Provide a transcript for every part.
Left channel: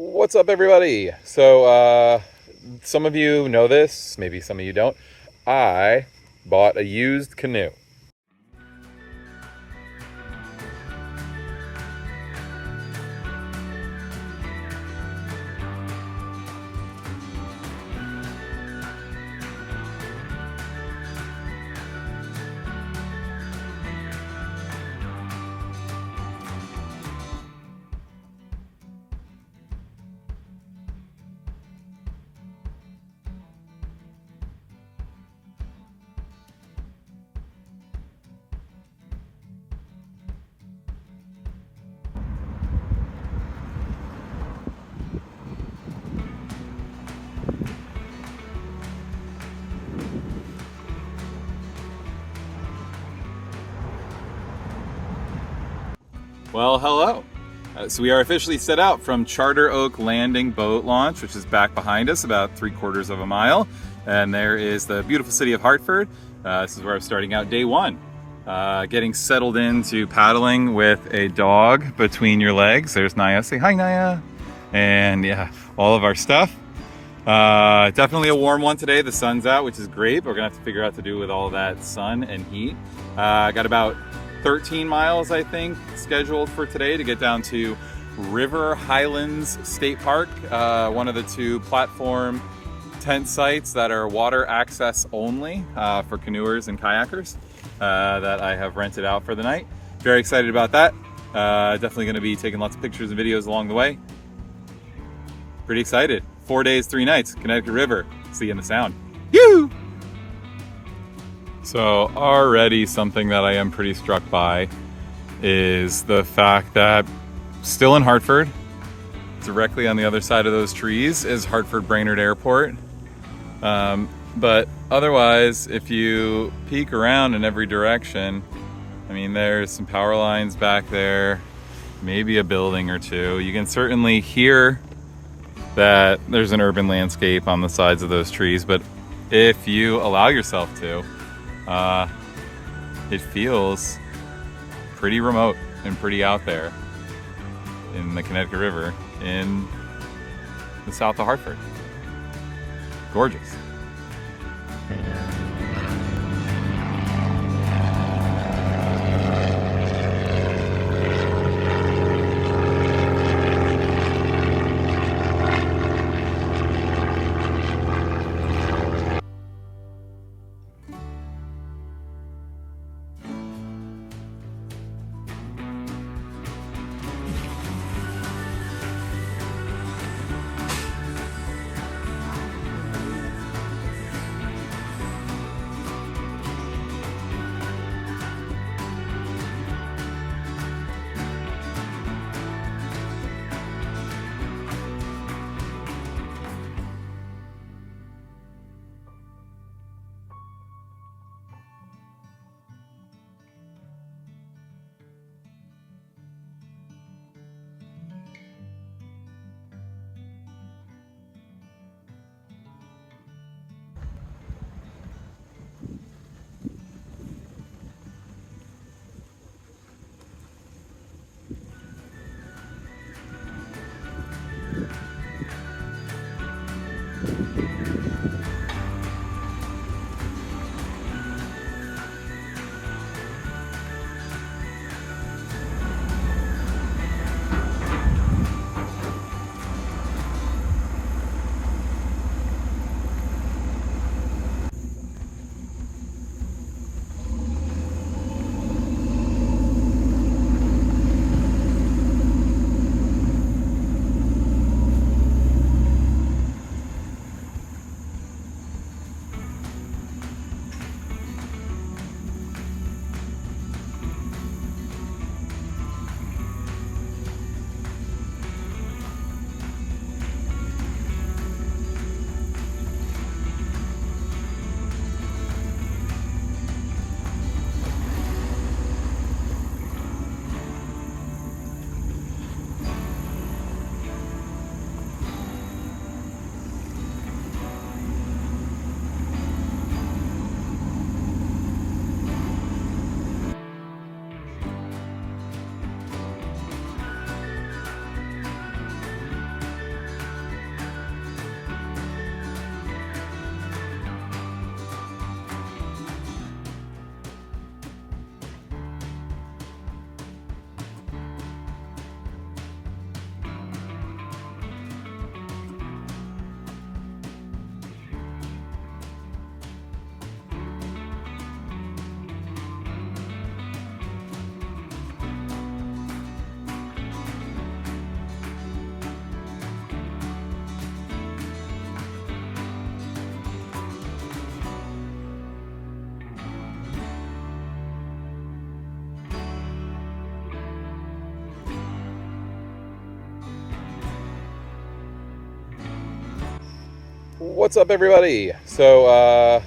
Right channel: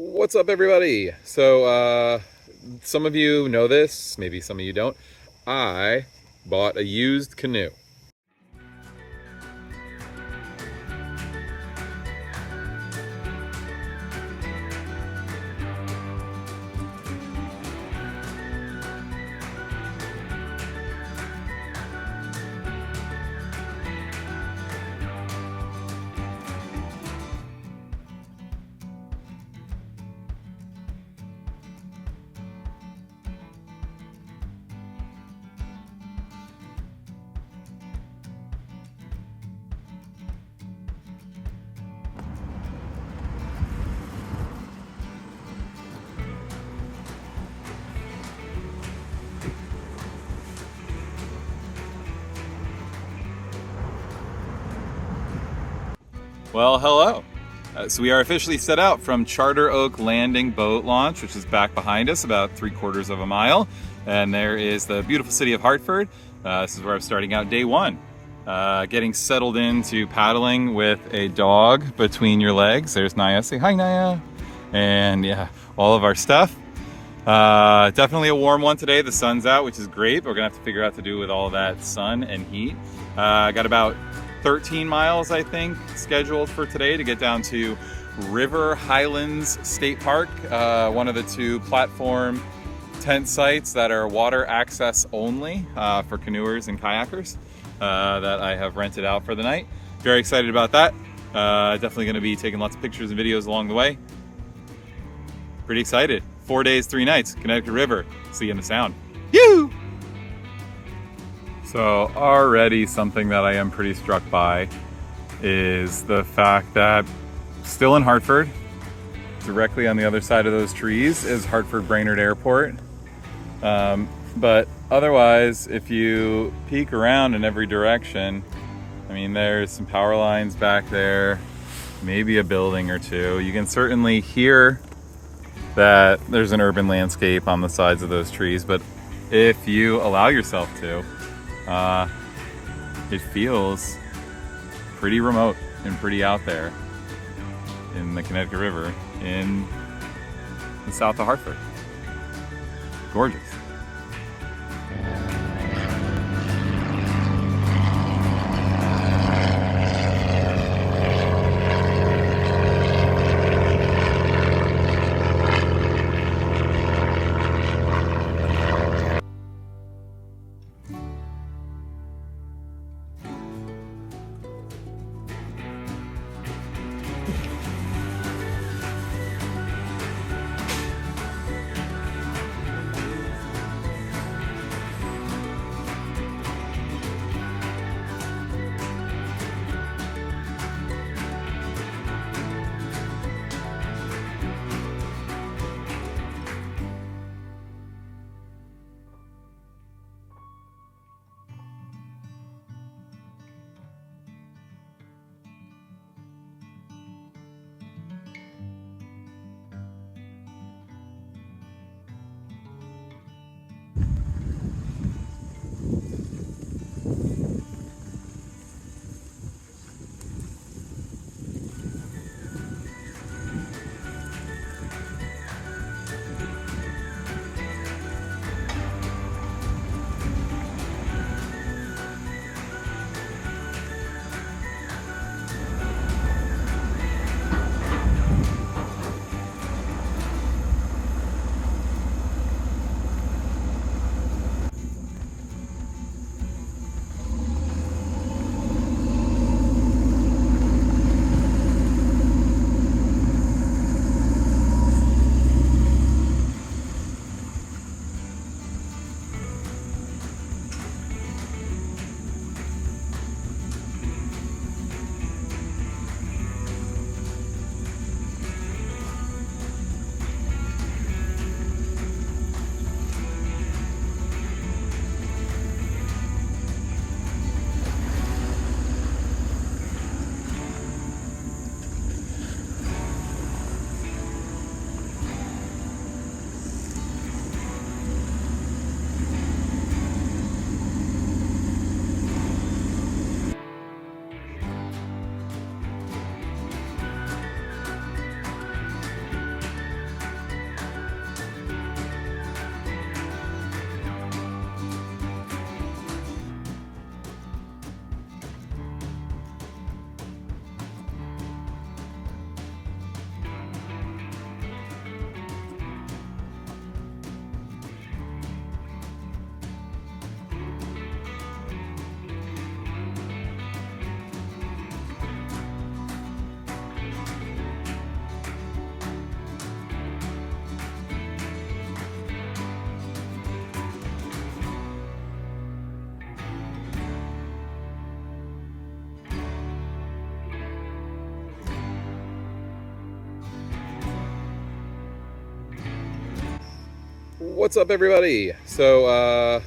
What's up, everybody? So, some of you know this, maybe some of you don't. I bought a used canoe. Well, hello. So we are officially set out from Charter Oak Landing Boat Launch, which is back behind us about 3/4 of a mile. And there is the beautiful city of Hartford. This is where I'm starting out day one. Getting settled into paddling with a dog between your legs. There's Naia. Say hi, Naia. And yeah, all of our stuff. Definitely a warm one today. The sun's out, which is great, but we're gonna have to figure out what to do with all of that sun and heat. Got about 13 miles, I think, scheduled for today to get down to River Highlands State Park, one of the two platform tent sites that are water access only for canoers and kayakers that I have rented out for the night. Very excited about that. Definitely going to be taking lots of pictures and videos along the way. Pretty excited. 4 days, 3 nights, Connecticut River. See you in the sound. Yoo! So already something that I am pretty struck by is the fact that still in Hartford, directly on the other side of those trees is Hartford Brainerd Airport. But otherwise, if you peek around in every direction, I mean, there's some power lines back there, maybe a building or two. You can certainly hear that there's an urban landscape on the sides of those trees, but if you allow yourself to, it feels pretty remote and pretty out there in the Connecticut River in the south of Hartford. Gorgeous. What's up, everybody? So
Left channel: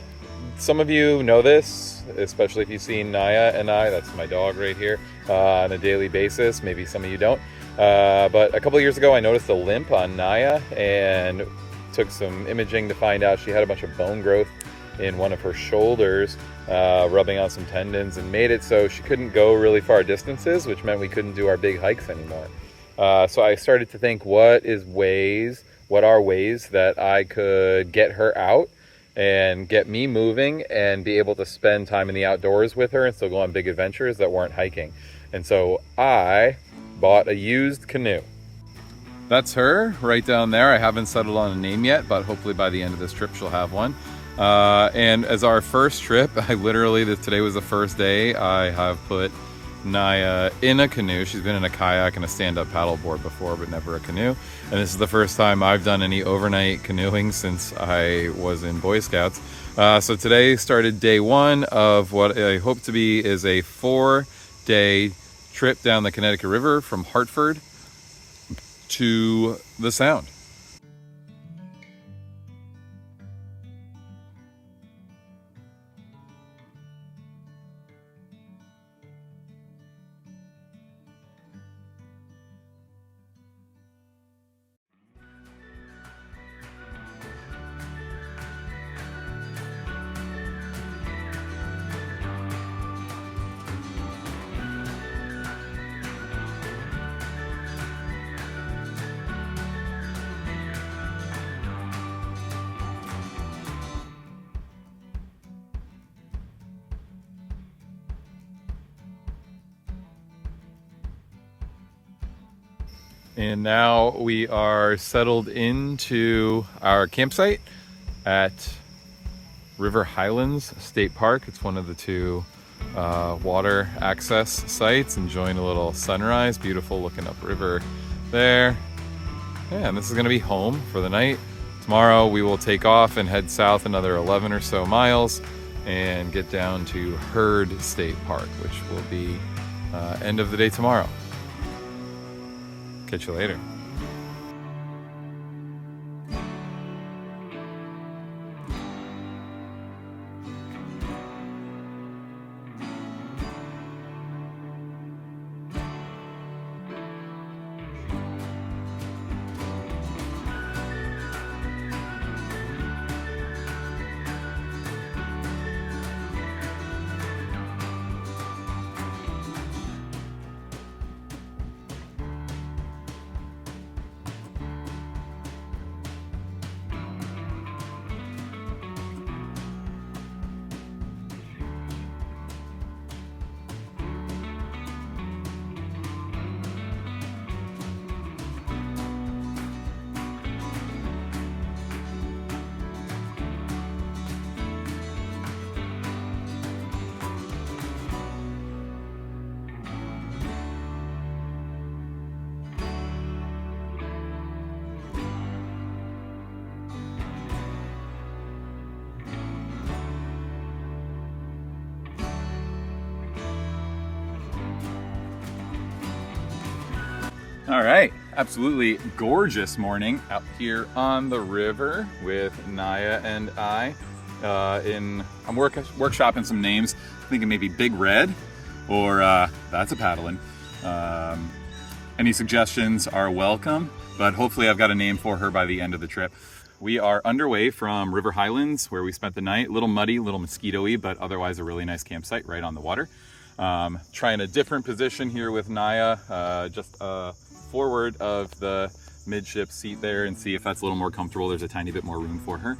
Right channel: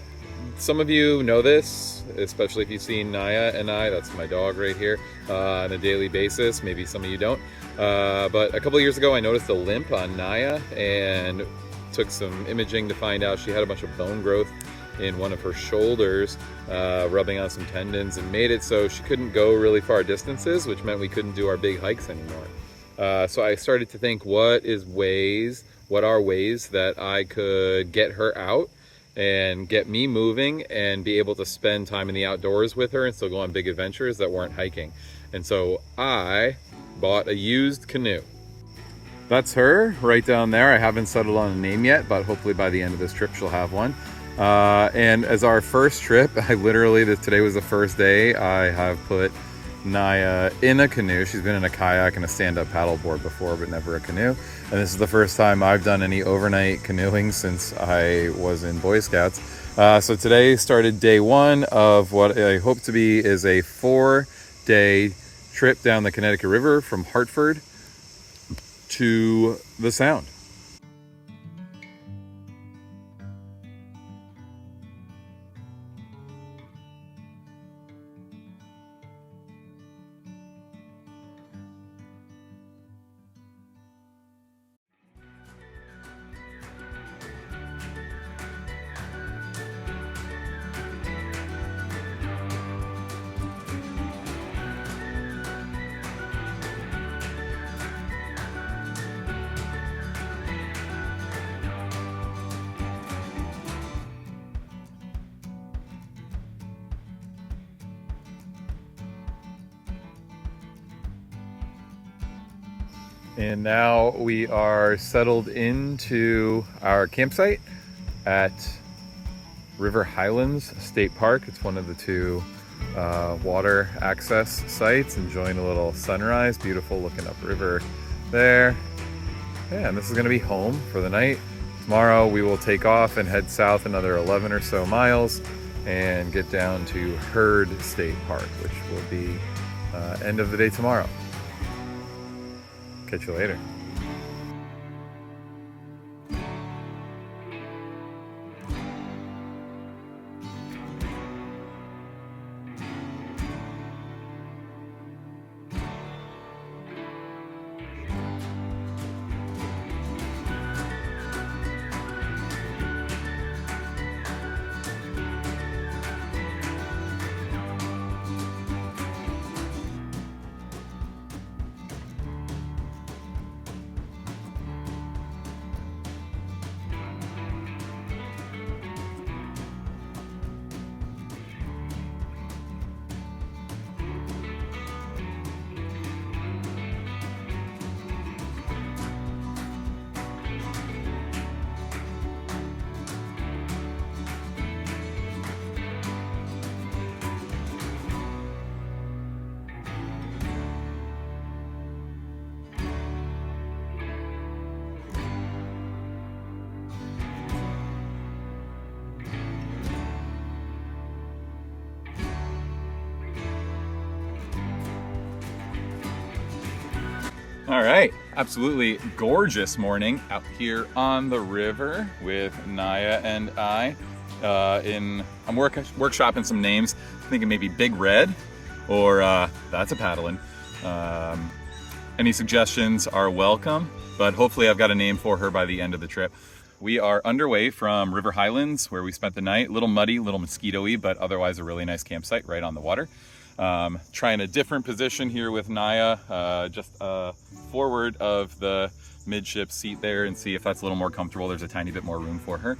some of you know this, especially if you've seen Naia and I, that's my dog right here, on a daily basis. Maybe some of you don't. But a couple of years ago, I noticed a limp on Naia and took some imaging to find out she had a bunch of bone growth in one of her shoulders, rubbing on some tendons, and made it so she couldn't go really far distances, which meant we couldn't do our big hikes anymore. So I started to think, what are ways that I could get her out and get me moving and be able to spend time in the outdoors with her and still go on big adventures that weren't hiking. And so I bought a used canoe. That's her right down there. I haven't settled on a name yet, but hopefully by the end of this trip she'll have one. And as our first trip, today was the first day I have put Naia in a canoe. She's been in a kayak and a stand-up paddleboard before, but never a canoe. And this is the first time I've done any overnight canoeing since I was in Boy Scouts. So today started day one of what I hope to be is a 4-day trip down the Connecticut River from Hartford to the Sound. And now we are settled into our campsite at River Highlands State Park. It's one of the two water access sites. Enjoying a little sunrise, beautiful looking upriver there. Yeah, and this is gonna be home for the night. Tomorrow we will take off and head south another 11 or so miles and get down to Herd State Park, which will be end of the day tomorrow. Catch you later. All right, absolutely gorgeous morning out here on the river with Naia and I. I'm workshopping some names, thinking maybe Big Red or that's a paddling. Any suggestions are welcome, but hopefully I've got a name for her by the end of the trip. We are underway from River Highlands, where we spent the night. A little muddy, a little mosquito-y, but otherwise a really nice campsite right on the water. Trying a different position here with Naia, just forward of the midship seat there, and see if that's a little more comfortable. There's a tiny bit more room for her.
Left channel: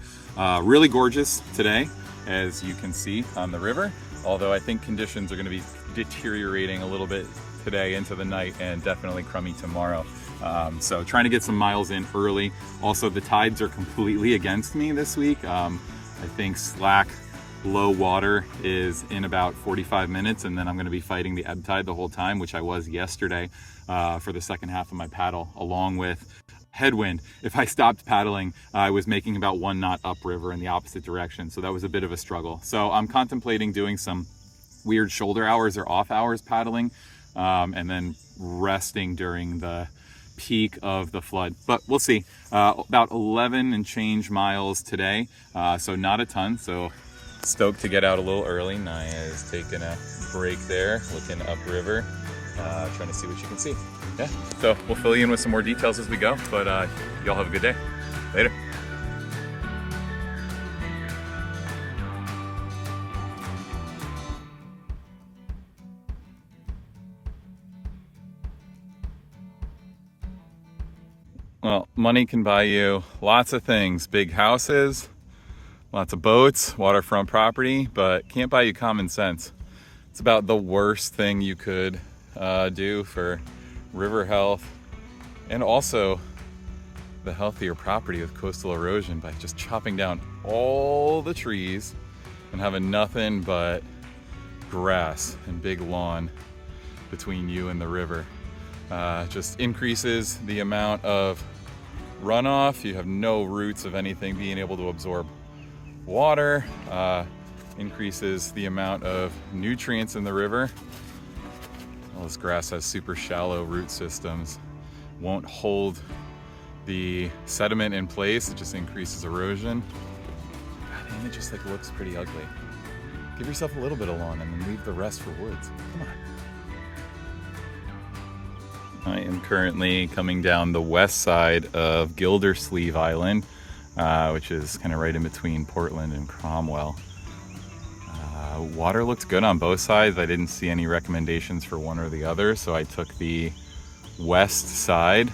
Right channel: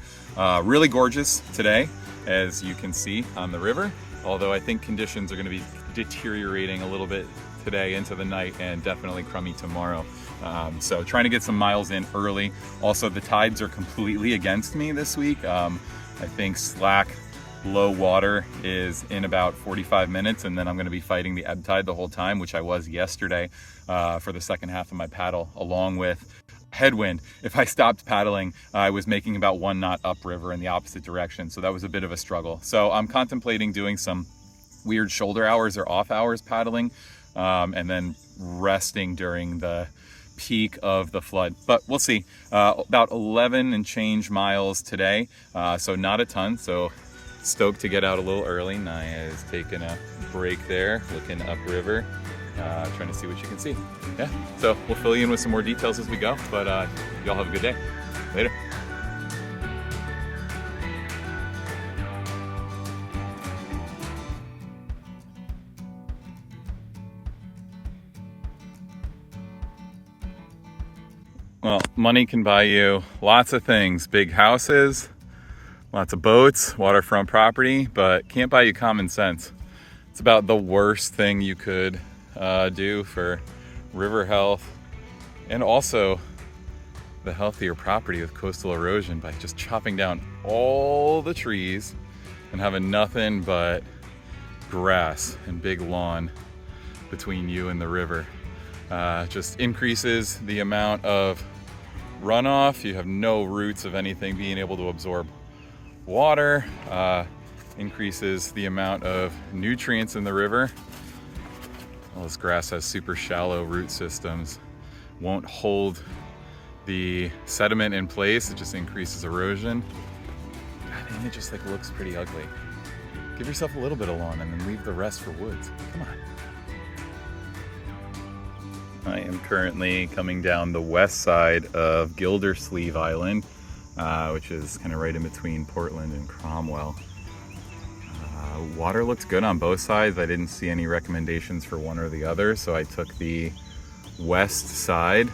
Really gorgeous today, as you can see on the river, although I think conditions are going to be deteriorating a little bit today into the night and definitely crummy tomorrow. So trying to get some miles in early. Also, the tides are completely against me this week. I think slack low water is in about 45 minutes, and then I'm going to be fighting the ebb tide the whole time, which I was yesterday for the second half of my paddle, along with headwind. If I stopped paddling, I was making about 1 knot upriver in the opposite direction, so that was a bit of a struggle. So I'm contemplating doing some weird shoulder hours or off hours paddling, and then resting during the peak of the flood, but we'll see. About 11 and change miles today, so not a ton. So stoked to get out a little early. Naia is taking a break there, looking upriver, trying to see what she can see. Yeah, so we'll fill you in with some more details as we go, but y'all have a good day. Later. Well, money can buy you lots of things. Big houses, lots of boats, waterfront property, but can't buy you common sense. It's about the worst thing you could do for river health, and also the healthier property with coastal erosion, by just chopping down all the trees and having nothing but grass and big lawn between you and the river. Just increases the amount of runoff. You have no roots of anything being able to absorb water. Increases the amount of nutrients in the river. Well, this grass has super shallow root systems, won't hold the sediment in place. It just increases erosion. God damn, it just like looks pretty ugly. Give yourself a little bit of lawn and then leave the rest for woods. Come on. I am currently coming down the west side of Gildersleeve Island, which is kind of right in between Portland and Cromwell. Water looked good on both sides. I didn't see any recommendations for one or the other, so I took the west side,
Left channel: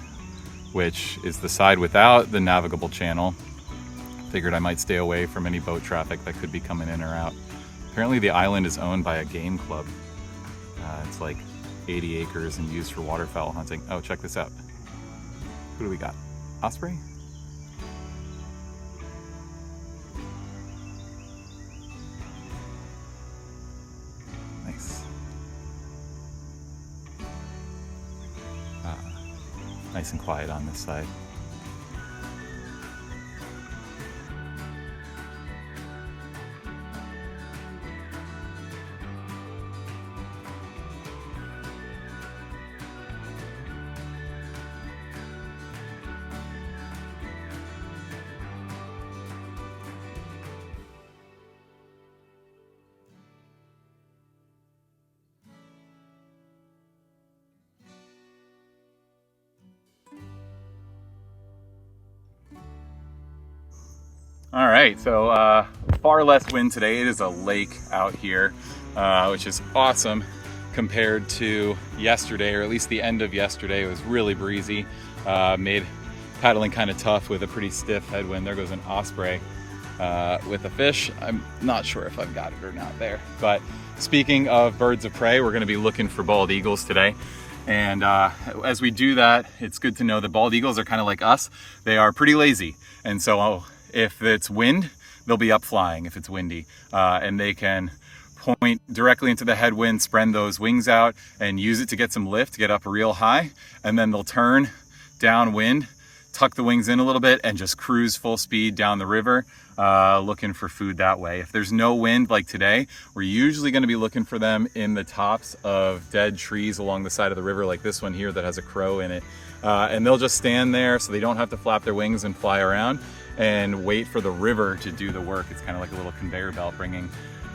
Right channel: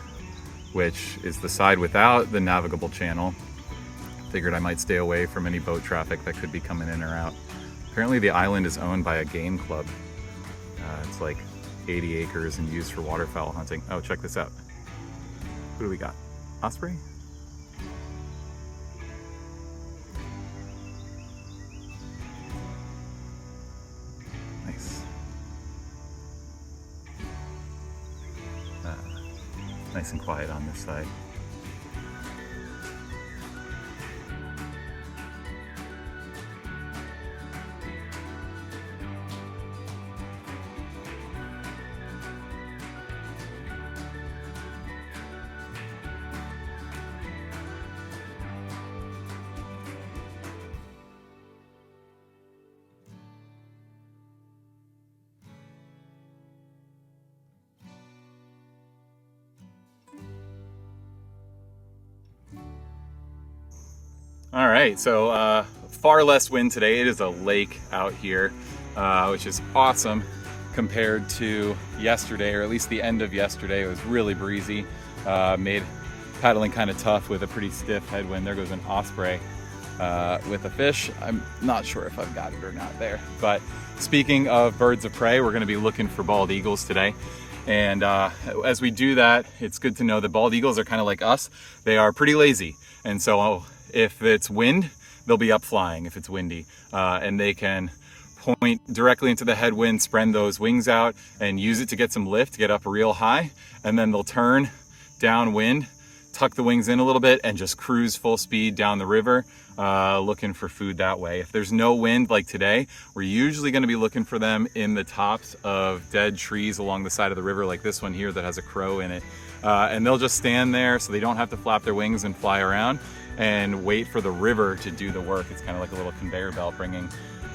which is the side without the navigable channel. Figured I might stay away from any boat traffic that could be coming in or out. Apparently the island is owned by a game club. It's like 80 acres and used for waterfowl hunting. Oh, check this out. Who do we got? Osprey? Nice. Nice and quiet on this side. All right, so far less wind today. It is a lake out here, which is awesome compared to yesterday, or at least the end of yesterday. It was really breezy, made paddling kind of tough with a pretty stiff headwind. There goes an osprey with a fish. I'm not sure if I've got it or not there. But speaking of birds of prey, we're gonna be looking for bald eagles today. And as we do that, it's good to know that bald eagles are kind of like us. They are pretty lazy. And so if it's wind, they'll be up flying if it's windy. And they can point directly into the headwind, spread those wings out, and use it to get some lift, get up real high. And then they'll turn downwind, tuck the wings in a little bit, and just cruise full speed down the river, looking for food that way. If there's no wind like today, we're usually going to be looking for them in the tops of dead trees along the side of the river, like this one here that has a crow in it. And they'll just stand there so they don't have to flap their wings and fly around and wait for the river to do the work. It's kind of like a little conveyor belt bringing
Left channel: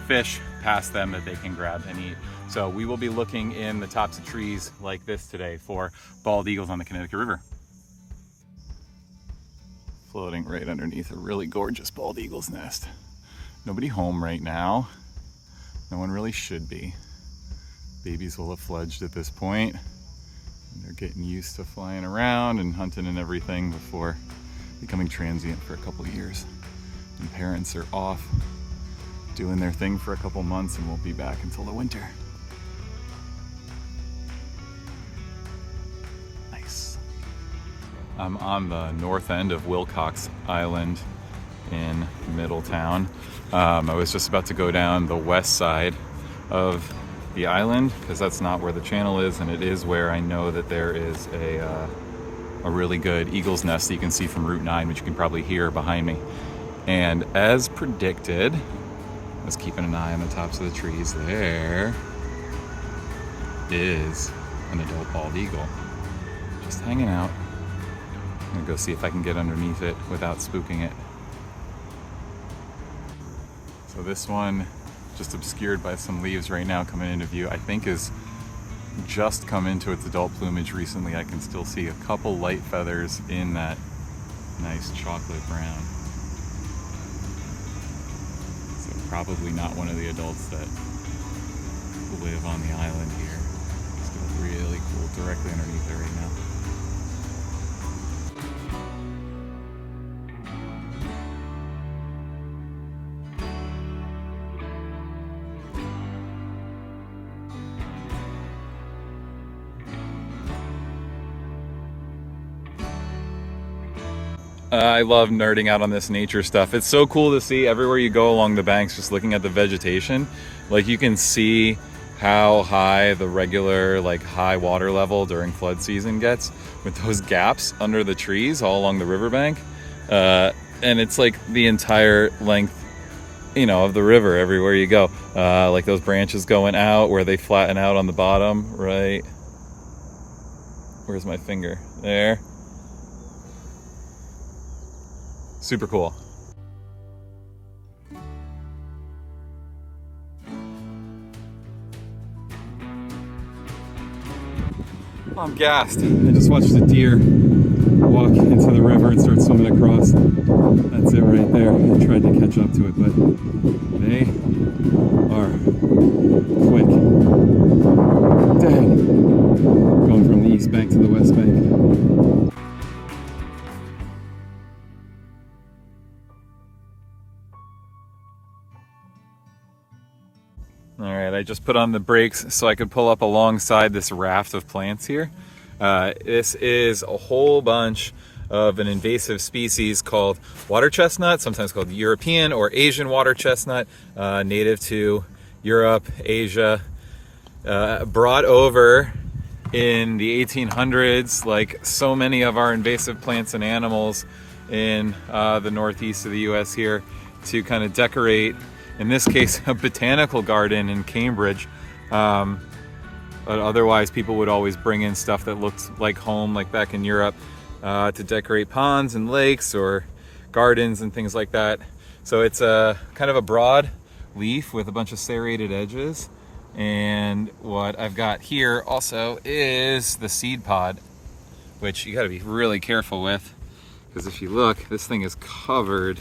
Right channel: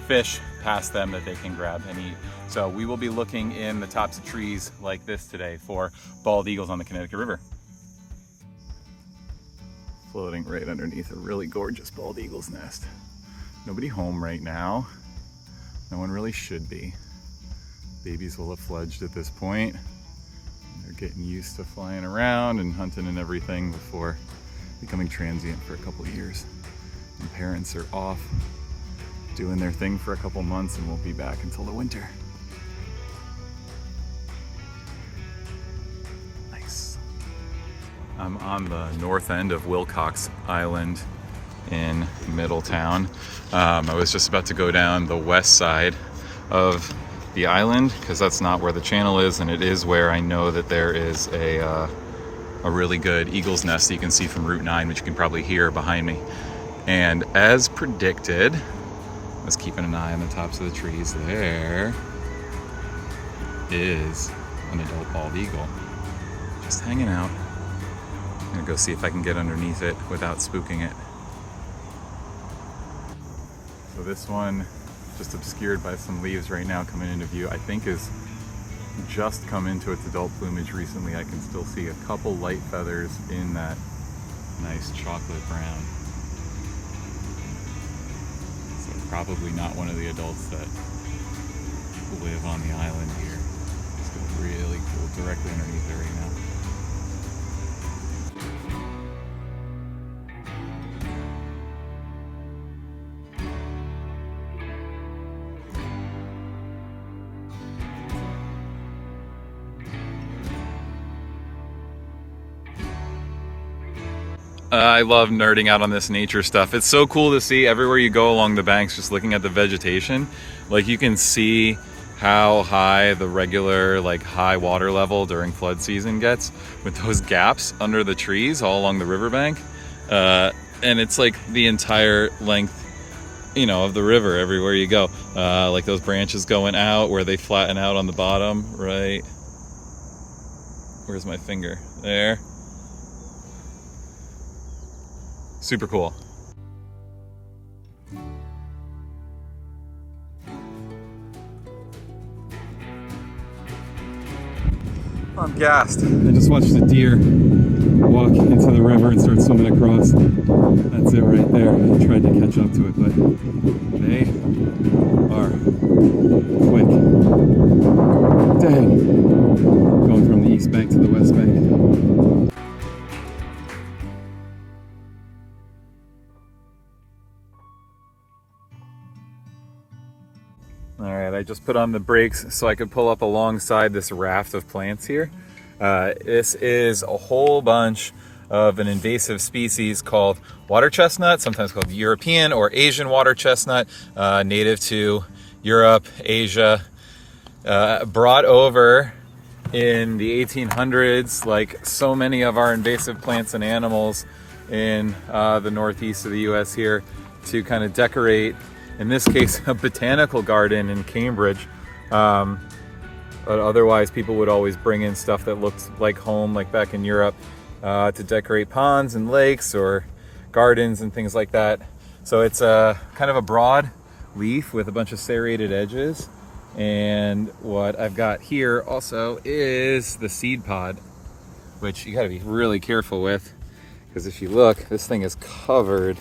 fish past them that they can grab and eat. So we will be looking in the tops of trees like this today for bald eagles on the Connecticut River. Floating right underneath a really gorgeous bald eagle's nest. Nobody home right now. No one really should be. Babies will have fledged at this point. They're getting used to flying around and hunting and everything before becoming transient for a couple of years. And parents are off doing their thing for a couple months and won't be back until the winter. Nice. I'm on the north end of Wilcox Island in Middletown. I was just about to go down the west side of the island because that's not where the channel is, and it is where I know that there is a really good eagle's nest that you can see from Route 9, which you can probably hear behind me. And as predicted, I was keeping an eye on the tops of the trees. There is an adult bald eagle. just hanging out. I'm gonna go see if I can get underneath it without spooking it. So this one, just obscured by some leaves right now coming into view, I think is just come into its adult plumage recently. I can still see a couple light feathers in that nice chocolate brown. So probably not one of the adults that live on the island here. It's got really cool directly underneath it right now. I love nerding out on this nature stuff. It's so cool to see everywhere you go along the banks, just looking at the vegetation. Like you can see how high the regular high water level during flood season gets with those gaps under the trees all along the riverbank. And it's like the entire length, of the river everywhere you go. Like those branches going out where they flatten out on the bottom, right? Where's my finger? There. Super cool. I'm gassed. I just watched a deer walk into the river and start swimming across. That's it right there. I tried to catch up to it, but they are quick. Damn. Going from the east bank to the west bank. All right, I just put on the brakes so I could pull up alongside this raft of plants here. This is a whole bunch of an invasive species called water chestnut, sometimes called European or Asian water chestnut, native to Europe, Asia, brought over in the 1800s, like so many of our invasive plants and animals in the northeast of the US here, to kind of decorate, in this case, a botanical garden in Cambridge. But otherwise, people would always bring in stuff that looked like home, like back in Europe, to decorate ponds and lakes or gardens and things like that. So it's a kind of a broad leaf with a bunch of serrated edges. And what I've got here also is the seed pod, which you got to be really careful with, because if you look, this thing is covered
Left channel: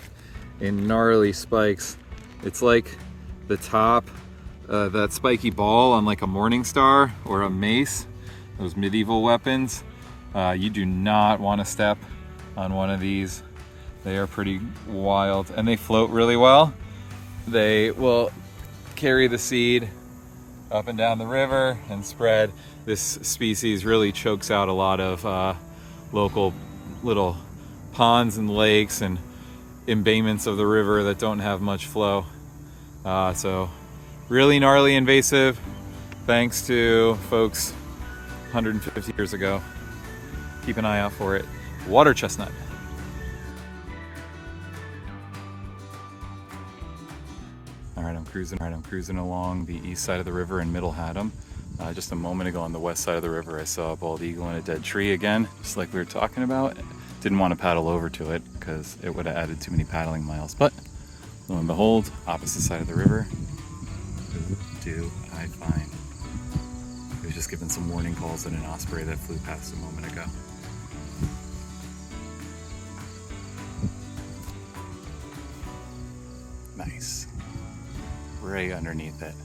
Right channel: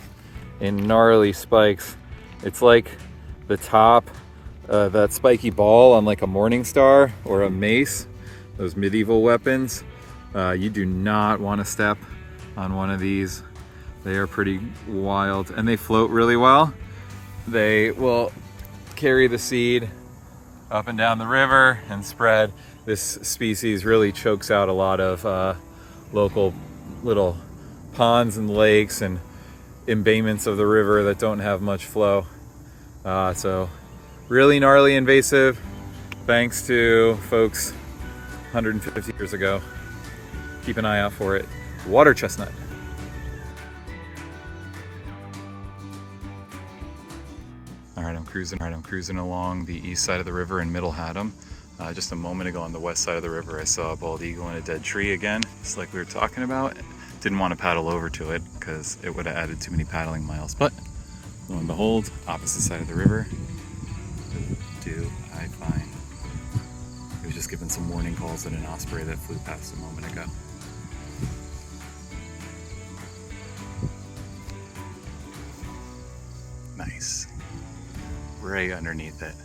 in gnarly spikes. It's like the top, that spiky ball on like a morning star or a mace, those medieval weapons. You do not want to step on one of these. They are pretty wild and they float really well. They will carry the seed up and down the river and spread. This species really chokes out a lot of local little ponds and lakes and embayments of the river that don't have much flow. So really gnarly invasive, thanks to folks 150 years ago. Keep an eye out for it. Water chestnut. All right, I'm cruising along the east side of the river in Middle Haddam. Just a moment ago on the west side of the river, I saw a bald eagle in a dead tree again, just like we were talking about. Didn't want to paddle over to it because it would have added too many paddling miles, but lo and behold, opposite side of the river, who do I find? I was just given some warning calls at an osprey that flew past a moment ago. Nice. Right underneath it.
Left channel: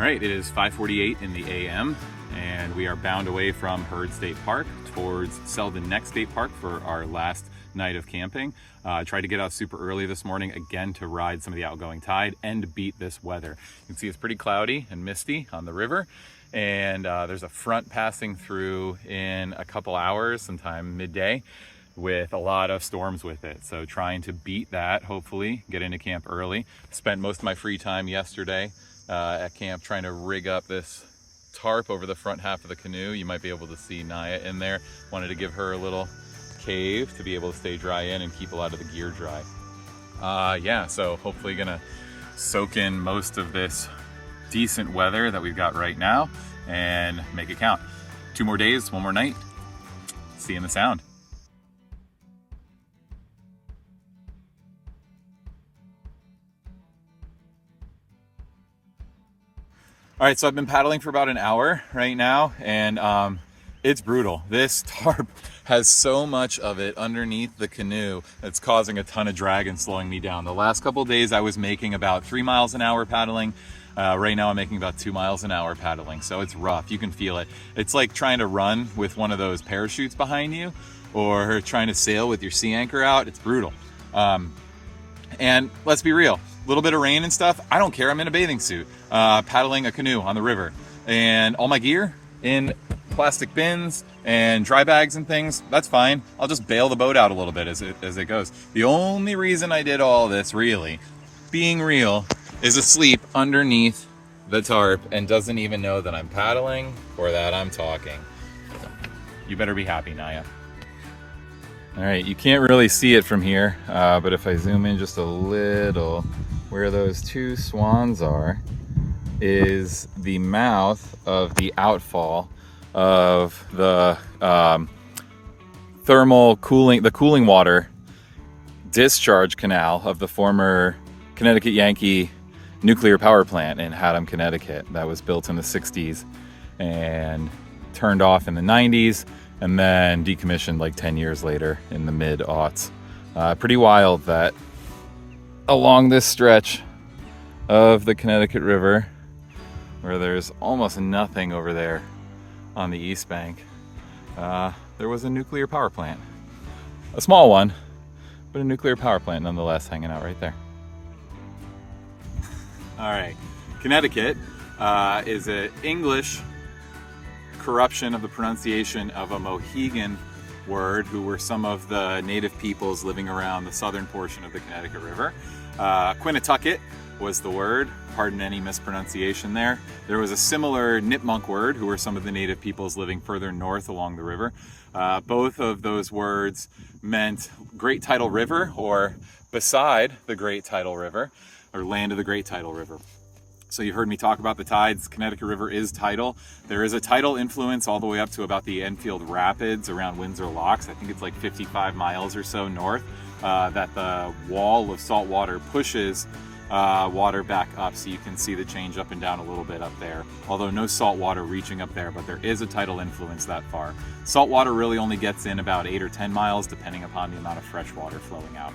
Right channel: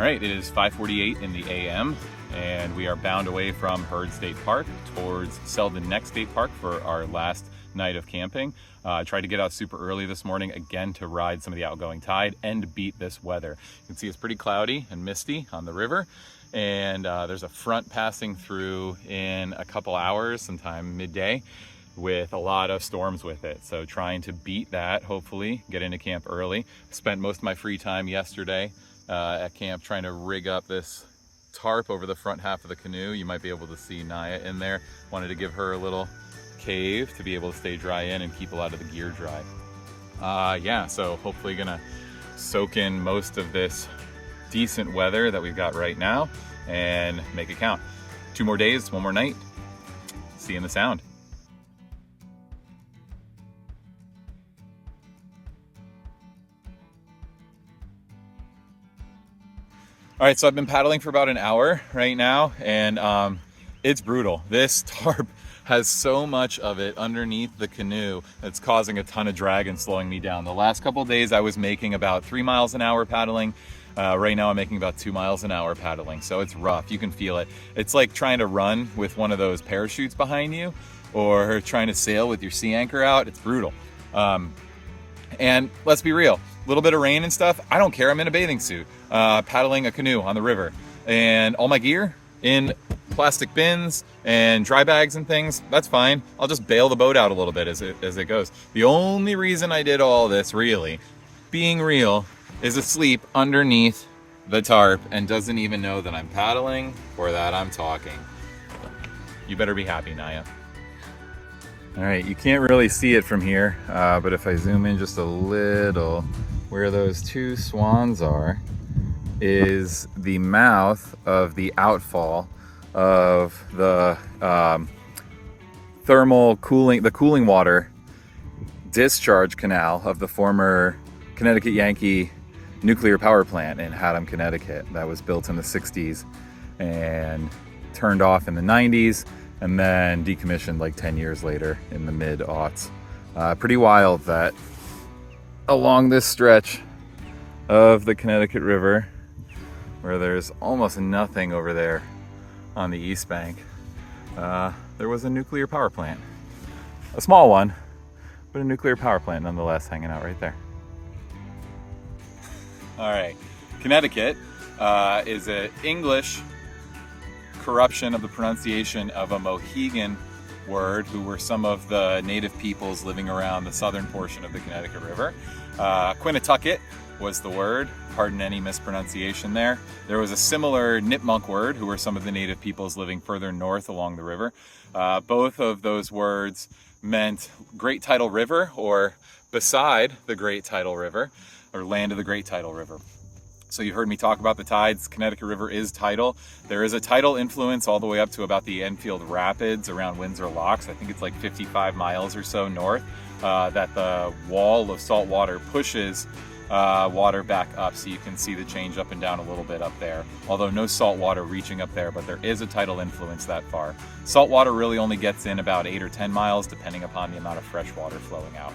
All right, it is 5:48 in the a.m. and we are bound away from Heard State Park towards Selden Neck State Park for our last night of camping. Tried to get out super early this morning again to ride some of the outgoing tide and beat this weather. You can see it's pretty cloudy and misty on the river, and there's a front passing through in a couple hours, sometime midday, with a lot of storms with it. So trying to beat that, hopefully get into camp early. Spent most of my free time yesterday at camp trying to rig up this tarp over the front half of the canoe. You might be able to see Naia in there. Wanted to give her a little cave to be able to stay dry in and keep a lot of the gear dry. Yeah, so hopefully gonna soak in most of this decent weather that we've got right now and make it count. 2 more days, 1 more night. See you in the Sound. All right, so I've been paddling for about an hour right now, and it's brutal. This tarp has so much of it underneath the canoe that's causing a ton of drag and slowing me down. The last couple of days I was making about 3 miles an hour paddling. Right now I'm making about 2 miles an hour paddling, so it's rough. You can feel it. It's like trying to run with one of those parachutes behind you or trying to sail with your sea anchor out. It's brutal. And let's be real, a little bit of rain and stuff, I don't care. I'm in a bathing suit, paddling a canoe on the river, and all my gear in plastic bins and dry bags and things. That's fine. I'll just bail the boat out a little bit as it goes. The only reason I did all this, really, being real, is asleep underneath the tarp and doesn't even know that I'm paddling or that I'm talking. You better be happy, Naia. All right, you can't really see it from here, but if I zoom in just a little, where those 2 swans are is the mouth of the outfall of the the cooling water discharge canal of the former Connecticut Yankee nuclear power plant in Haddam, Connecticut, that was built in the 60s and turned off in the 90s. And then decommissioned like 10 years later in the mid-aughts. Pretty wild that along this stretch of the Connecticut River, where there's almost nothing over there on the east bank, there was a nuclear power plant. A small one, but a nuclear power plant nonetheless hanging out right there. All right, Connecticut is an English corruption of the pronunciation of a Mohegan word, who were some of the native peoples living around the southern portion of the Connecticut River. Quinnitucket was the word, pardon any mispronunciation there. There was a similar Nipmuc word, who were some of the native peoples living further north along the river. Both of those words meant Great Tidal River, or beside the Great Tidal River, or land of the Great Tidal River. So you've heard me talk about the tides. Connecticut River is tidal. There is a tidal influence all the way up to about the Enfield Rapids around Windsor Locks. I think it's like 55 miles or so north, that the wall of salt water pushes water back up, so you can see the change up and down a little bit up there. Although no salt water reaching up there, but there is a tidal influence that far. Salt water really only gets in about 8 or 10 miles, depending upon the amount of fresh water flowing out.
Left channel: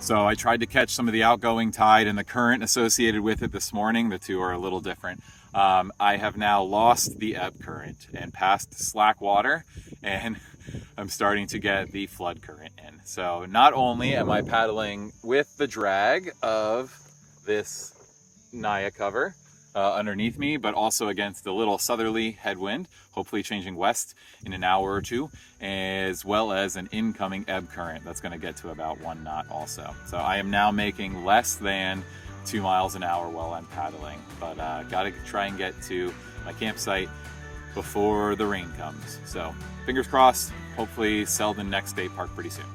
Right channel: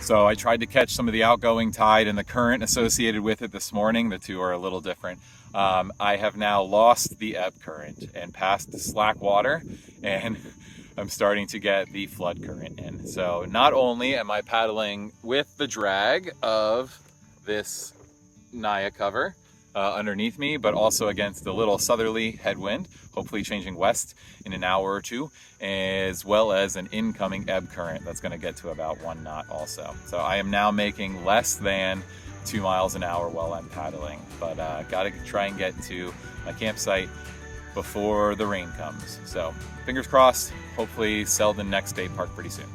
So I tried to catch some of the outgoing tide and the current associated with it this morning. The two are a little different. I have now lost the ebb current and passed the slack water, and I'm starting to get the flood current in. So not only am I paddling with the drag of this Naia cover underneath me, but also against the little southerly headwind, hopefully changing west in an hour or 2, as well as an incoming ebb current that's going to get to about 1 knot also. So I am now making less than 2 miles an hour while I'm paddling, but got to try and get to my campsite before the rain comes. So fingers crossed, hopefully Selden Neck State Park pretty soon.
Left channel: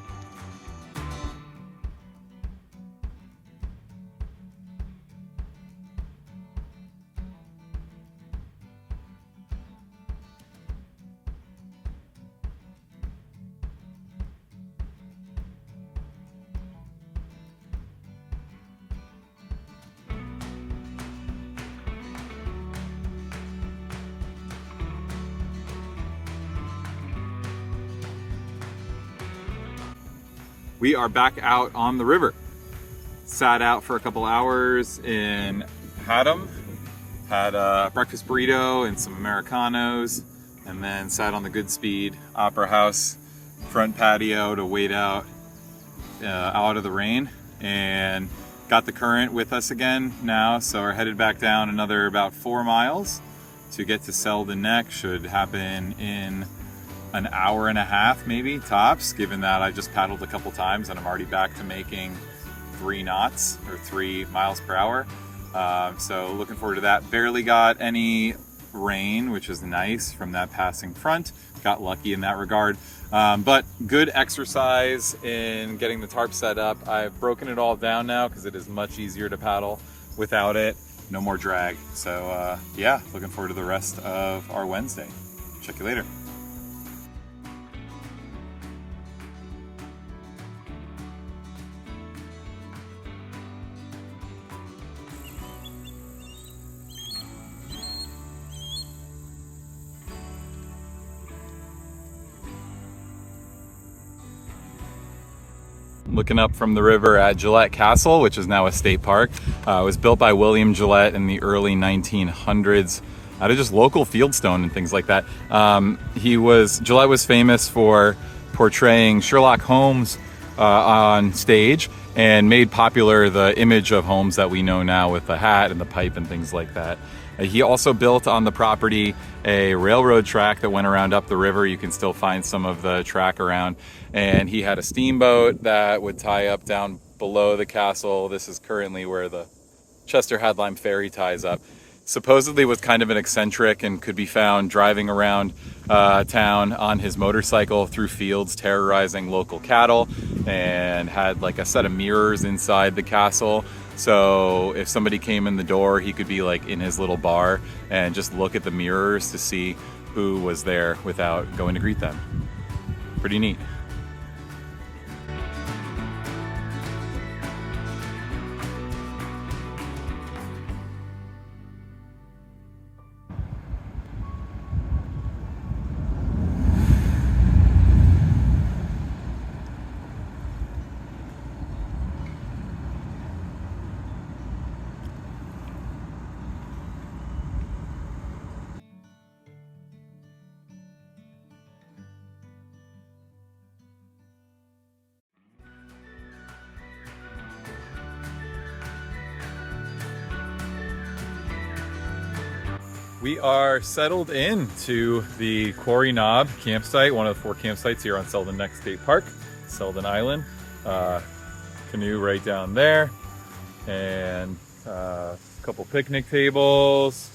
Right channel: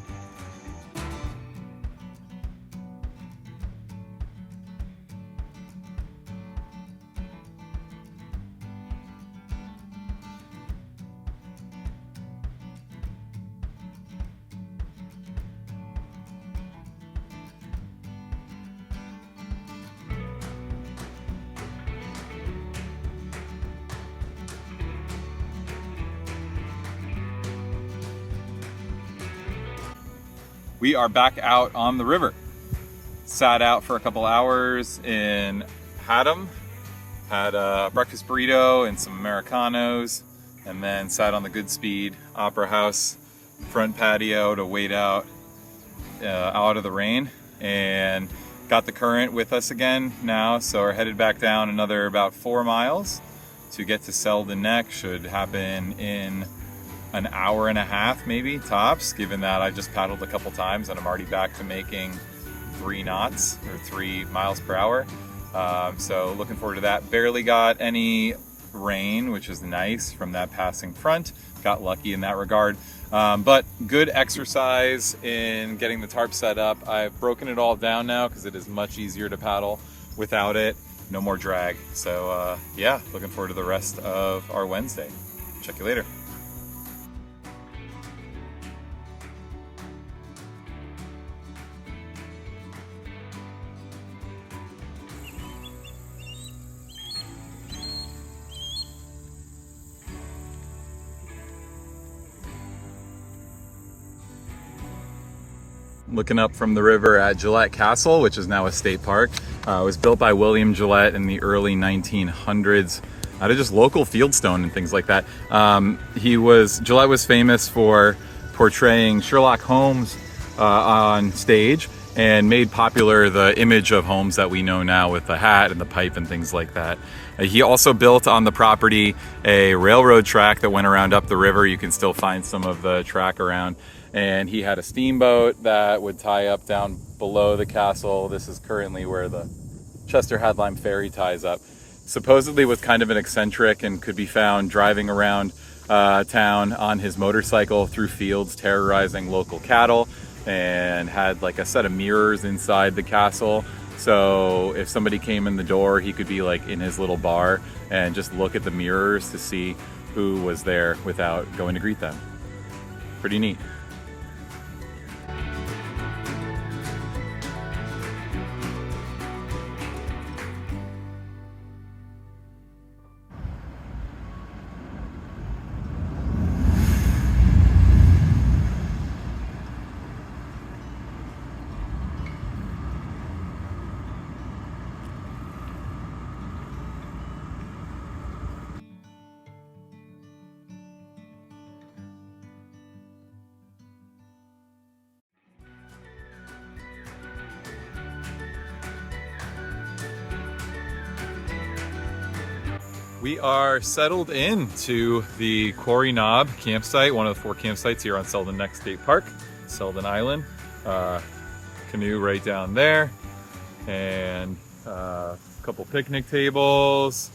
We are back out on the river. Sat out for a couple hours in Haddam Had a breakfast burrito and some Americanos, and then sat on the Goodspeed Opera House front patio to wait out of the rain, and got the current with us again now. So we're headed back down another about 4 miles to get to Selden Neck. Should happen in an hour and a half, maybe tops, given that I just paddled a couple times and I'm already back to making 3 knots or 3 miles per hour. So looking forward to that. Barely got any rain, which is nice from that passing front. Got lucky in that regard. But good exercise in getting the tarp set up. I've broken it all down now because it is much easier to paddle without it. No more drag. So yeah, looking forward to the rest of our Wednesday. Check you later. Looking up from the river at Gillette Castle, which is now a state park. It was built by William Gillette in the early 1900s out of just local fieldstone and things like that. Gillette was famous for portraying Sherlock Holmes on stage, and made popular the image of Holmes that we know now with the hat and the pipe and things like that. He also built on the property a railroad track that went around up the river. You can still find some of the track around. And he had a steamboat that would tie up down below the castle. This is currently where the Chester Hadlime ferry ties up. Supposedly was kind of an eccentric and could be found driving around town on his motorcycle through fields, terrorizing local cattle, and had like a set of mirrors inside the castle. So if somebody came in the door, he could be like in his little bar and just look at the mirrors to see who was there without going to greet them. Pretty neat. We are settled into the Quarry Knob campsite, one of the 4 campsites here on Selden Neck State Park, Selden Island. Canoe right down there, and a couple picnic tables,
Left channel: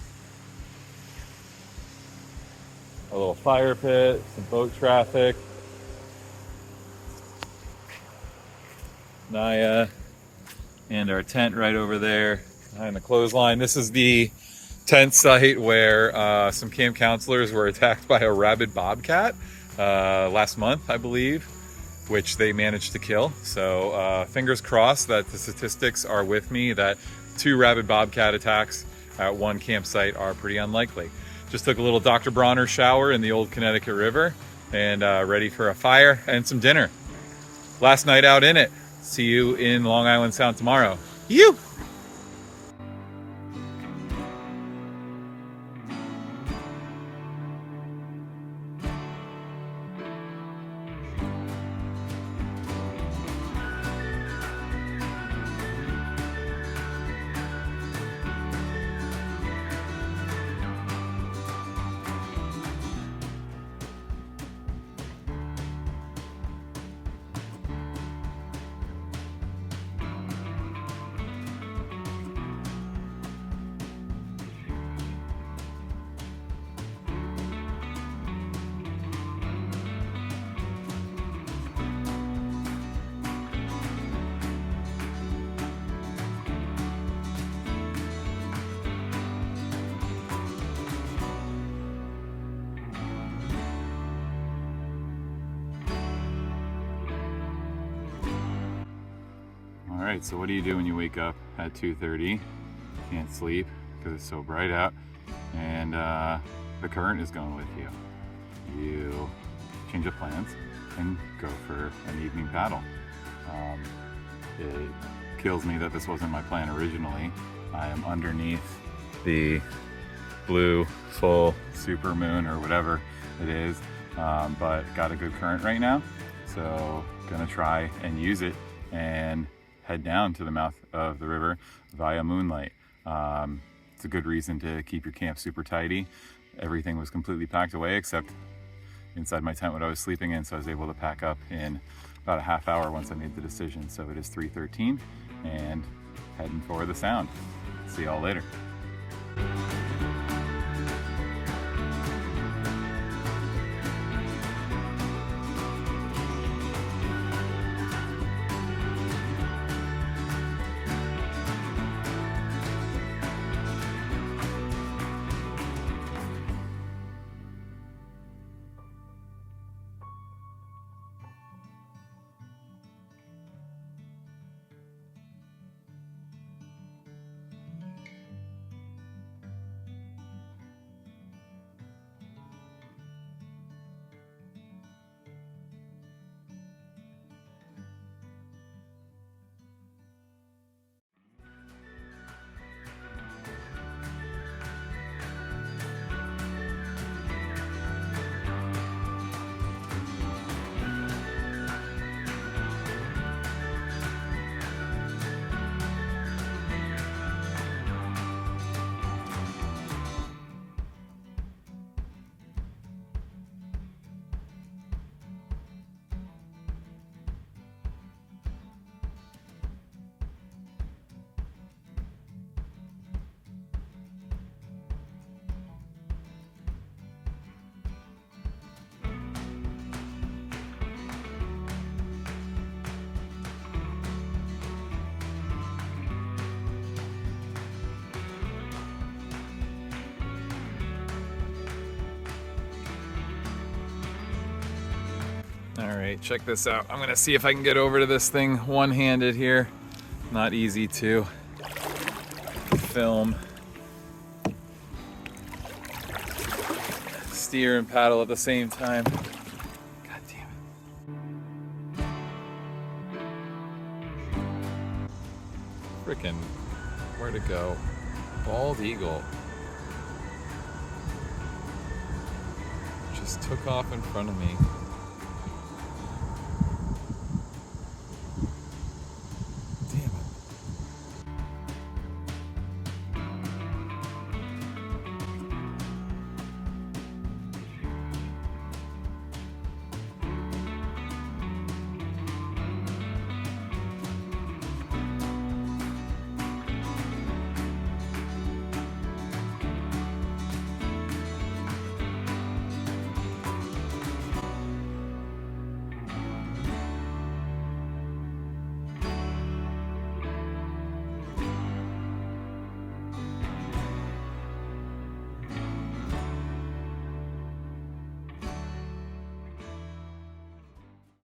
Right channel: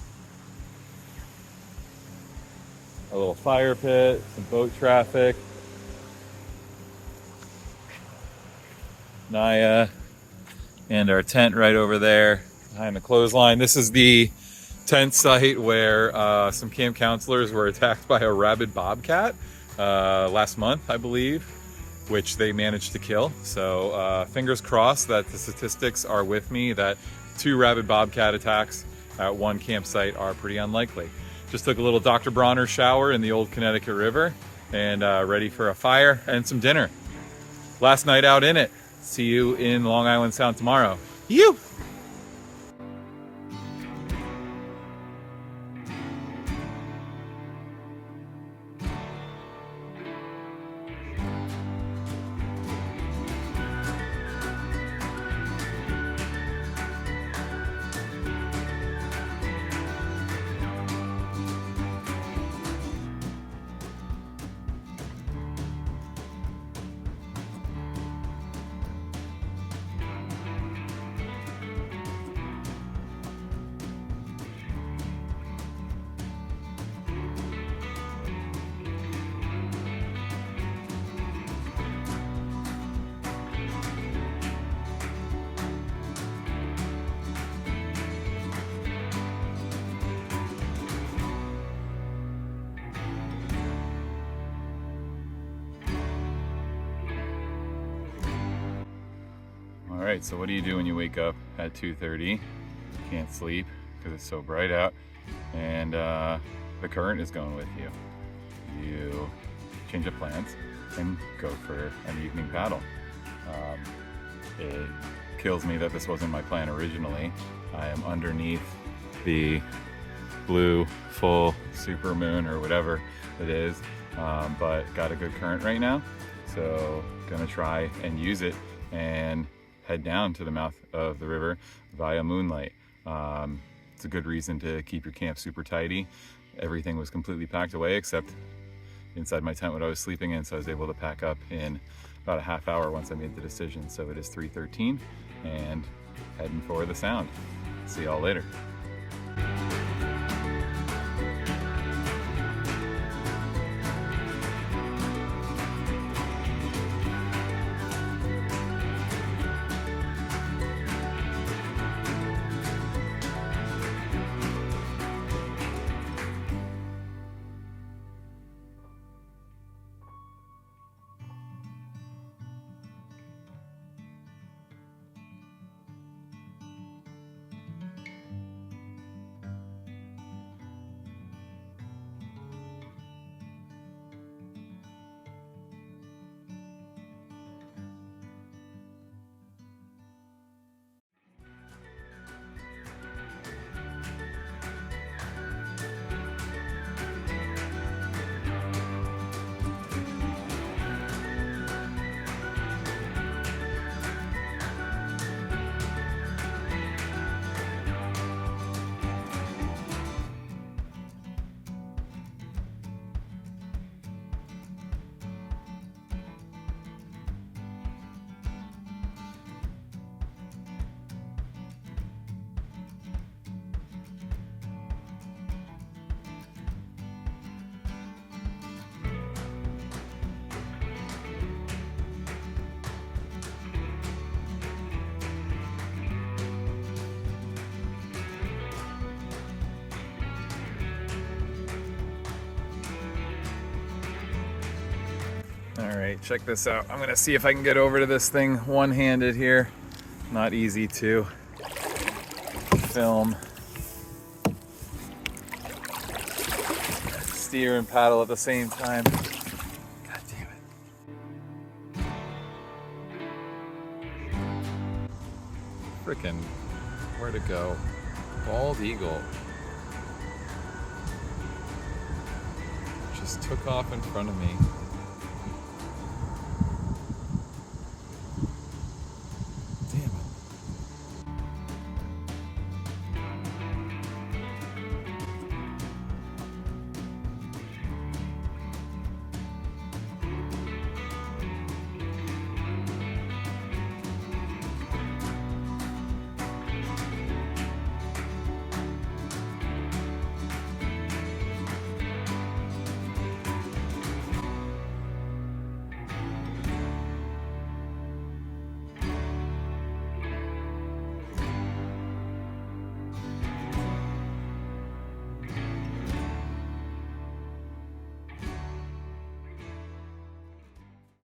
a little fire pit, some boat traffic. Naia, and our tent right over there behind the clothesline. This is the tent site where some camp counselors were attacked by a rabid bobcat last month, I believe, which they managed to kill. So fingers crossed that the statistics are with me, that 2 rabid bobcat attacks at one campsite are pretty unlikely. Just took a little Dr. Bronner shower in the old Connecticut River, and ready for a fire and some dinner. Last night out in it. See you in Long Island Sound tomorrow. You! All right, so what do you do when you wake up at 2:30? Can't sleep because it's so bright out, and the current is going with you. You change of plans and go for an evening paddle. It kills me that this wasn't my plan originally. I am underneath the blue full super moon or whatever it is, but got a good current right now. So gonna try and use it and head down to the mouth of the river via moonlight. It's a good reason to keep your camp super tidy. Everything was completely packed away except inside my tent what I was sleeping in, so I was able to pack up in about a half hour once I made the decision. So it is 3:13 and heading for the sound. See y'all later. All right, check this out. I'm gonna see if I can get over to this thing one-handed here. Not easy to film, steer and paddle at the same time. God damn it. Frickin', where'd it go? Bald eagle. Just took off in front of me.